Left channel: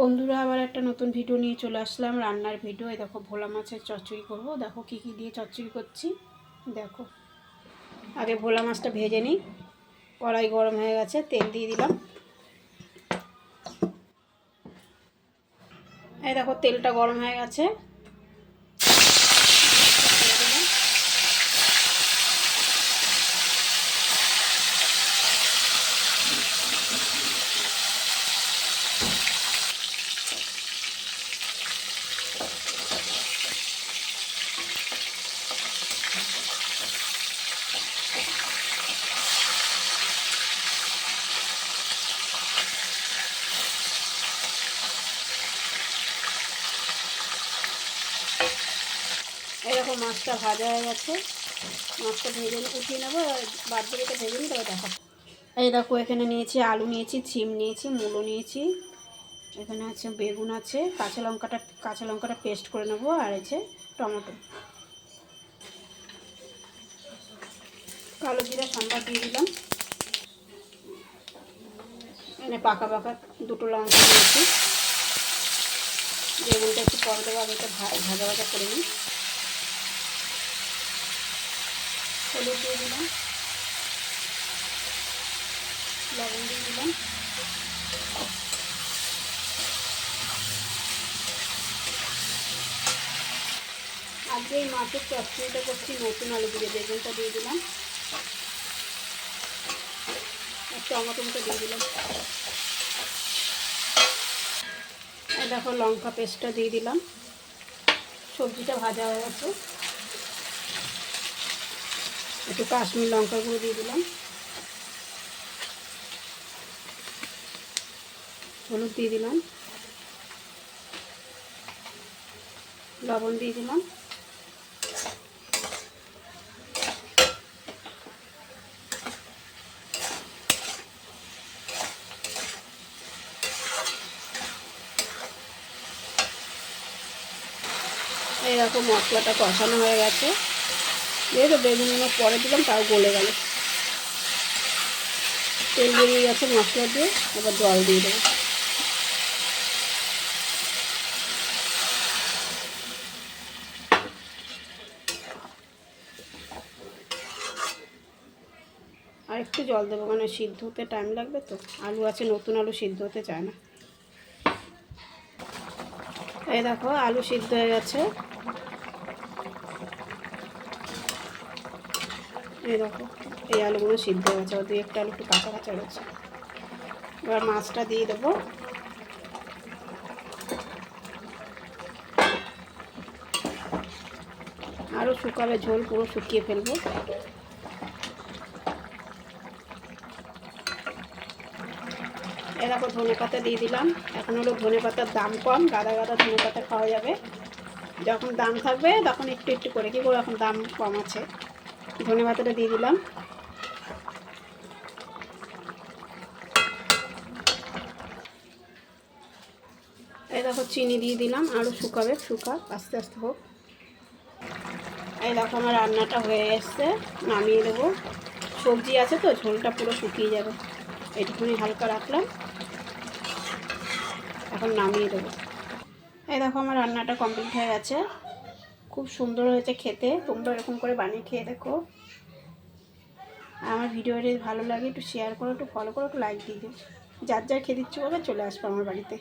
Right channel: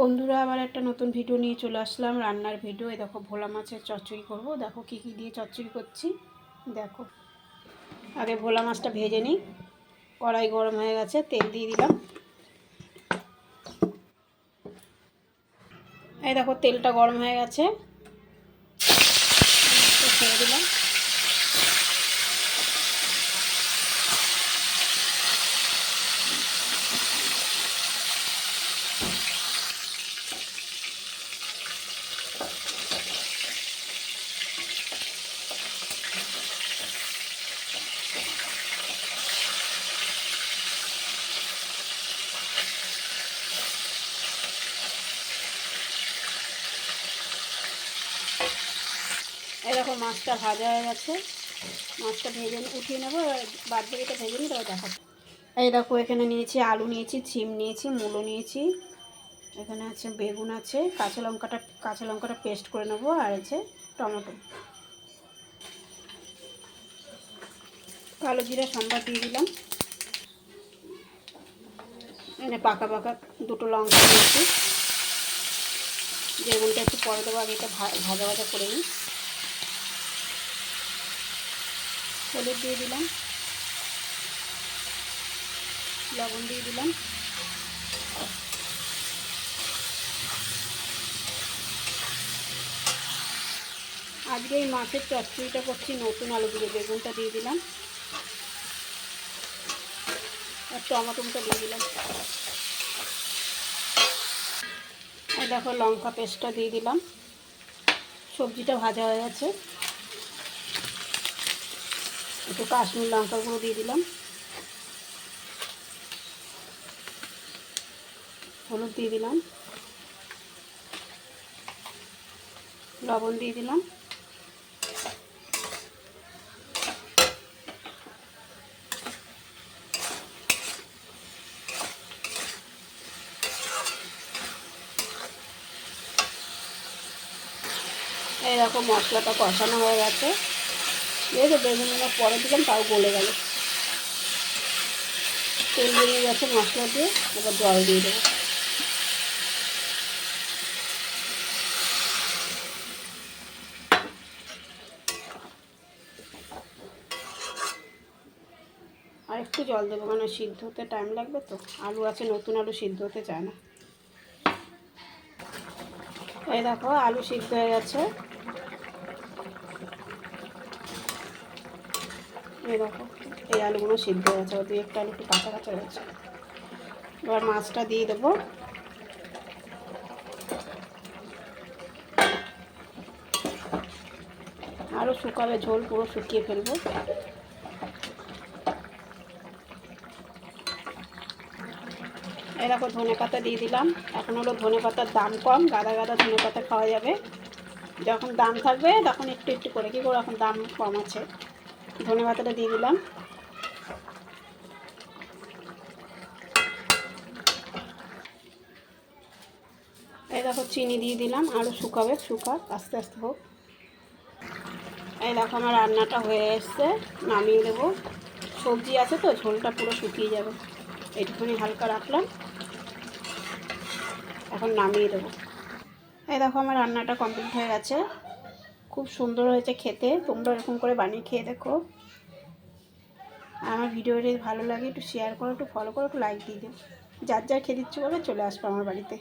বন্ধুরা আবার একটা নতুন ভিডিও নিয়ে চলে আসলাম, রান্নার ভিডিও। এই দেখো ভোলা মাছের চচ্চড়ি করব। দেখো কি কি দিয়ে চচ্চড়ি করছি। দেখো আগে ভোলা মাছটা ভেজে নিই। কড়াই গরম হয়ে গেছে, তেল দিয়ে দিলাম। এই দেখো তেলটা গরম হয়ে গেছে, ছেড়ে দিলাম। এরকম মাছটা ভাজা হয়ে গেছে, মাছটা ভেজে উঠিয়ে নেবো। বাদ দিকে ভেজে নিই, তবে দেখাবো। এই দেখো এখানে নিয়েছি আলু, নিয়েছি সিম, নিয়েছি মূলো, নিয়েছি এখানে আছে বেগুন, আছে কাঁচা লঙ্কাটা পেস্ট করে নেবো, আর আছে টমেটো। কালো জিরা সম্বার দিয়ে দিলাম। এখানে পাকা পাকা দুটো লঙ্কা নিয়েছি, বেগুনটা একটু পরে দেবো, আগে এটা ভাজা ভাজা করে নিই। হলুদ দিয়ে দিলাম, লবণ দিয়ে দিলাম। আজকে এই মাছের চচ্চড়িটা করছি নতুন আলু দিয়ে, বেগুনটা দিয়ে দিলাম আর টমেটোটা দিয়ে দিলাম। আর দেখো লঙ্কা পেস্টটা দিয়ে দিলাম। সবজিটা ভাজা হয়ে গেছে, একটু কাশ্মীর লঙ্কা গুঁড়ো দিয়ে দিলাম, হলুদ দিয়ে দিলাম, লবণ দিয়ে দিলাম। এইরকম মশলাটা কষানো হয়ে গেছে, যেহেতু বেগুনগুলো পরে দিলাম তাও গলে গেল। তেল বেরিয়ে গেছে মশলা দিয়ে, এবার জল দিয়ে দেবো। আর একটু জল দেবো, কারণ সিদ্ধ হতে টাইম লাগবে তো, আলু আছে, নতুন আলু সিদ্ধ হতে চায় না। এই দেখো আলু সিদ্ধ হয়ে গেছে, এই দেখো এই আলুগুলো সিদ্ধ হয়ে গেছে, ওর দিয়ে একটা আলু একটু কাঁচা কাঁচা রয়েছে। এবার মাছটা দিয়ে দেবো। আরও শুকাবে, ঝোল পুরো শুকিয়ে ফেলবো। এরকম ধনে পাতা দিয়ে দিলাম। এখন হলো ধনে পাতার দাম কম, গাদা গাদা ধনে পাতা খাওয়া যাবে। যখন দাম থাকবে তখন একটু একটু করে, কী করে এখন দাম কম আছে। ধনে পাতাটা দিয়ে দিলাম। এই দেখো চিনি দিয়ে দিলাম, আরও শুকাবে, আস্তে আস্তে হোক। এই দেখো আমার রান্নাটা হয়ে এসছে, নামিয়ে দেবো। সবজি আছে তো, ঝোলটা পুরো শুকিয়ে যাবে, এইটুকুনি হালকা রাখলাম, এখন নামিয়ে দেবো। এই দেখো আমার রান্নাটা কমপ্লিট হয়ে গেছে, খুব সুন্দর হয়েছে খেতে। তোমরা এরকম করে বানিয়ে খেয়ে দেখো। আর আমার ভিডিওটা যদি ভালো লাগে একটু শেয়ার করো, একটু ফলো করো, একটু লাইক দিয়ে দিও। যার যার খেতে ইচ্ছে করবে চলে আসবে আমার বাড়িতে।